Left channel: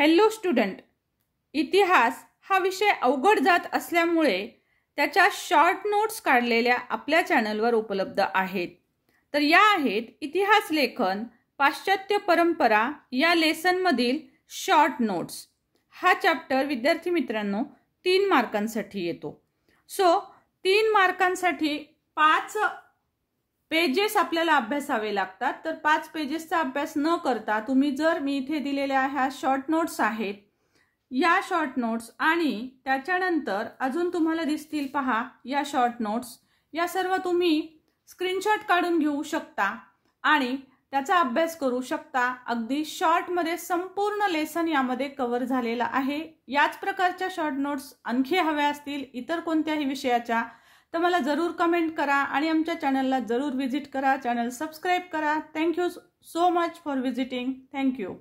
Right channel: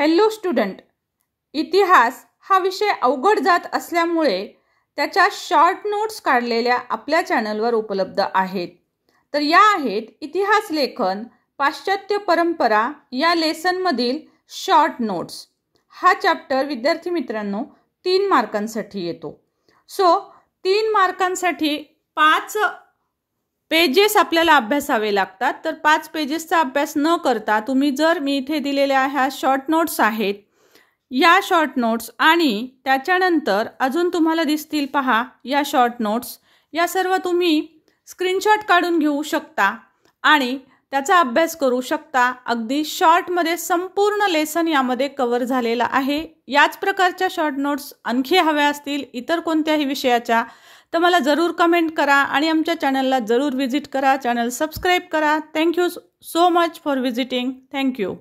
Hello student, इतिहास हा विषय अवघड जात असल्यामुळे त्याच्या शॉर्ट नोट्स काढलेल्या आपल्या चॅनलवर उपलब्ध आहेत. तर या आहेत इतिहास लेखन पाश्चात्य परंपरा या लेसनमधील शॉर्ट नोट्स. हा चॅप्टर विद्यार्थी मित्रांनो 3 मार्कांसाठी येतो. सो 3 मार्कांसाठी 5 पेजेस आपल्याला अभ्यासावे लागतात. तर 5 पेजेसचा अभ्यास न करता तुम्ही जर मी इथे दिलेल्या ह्या शॉर्ट नोट्स आहेत, या शॉर्ट नोट्स आणि त्याच्यानंतर अजून तुम्हाला दिसतील पहा या शॉर्ट नोट्स, या सर्व तुम्ही स्क्रीनशॉट काढून घेऊ शकता आणि त्याचा अभ्यास करू शकता. अगदी शॉर्टमध्ये संपूर्ण लेसन यामध्ये कव्हर झालेला आहे. याच प्रकारच्या शॉर्ट नोट्स आणखी हव्या असतील इतर कोणत्याही विषयाच्या तर मला जरूर कमेंट करा आणि आमच्या चॅनलला जरूर व्हिजिट करा. चॅनल सबस्क्राईब करा. Thank you so much for visiting. Thank you.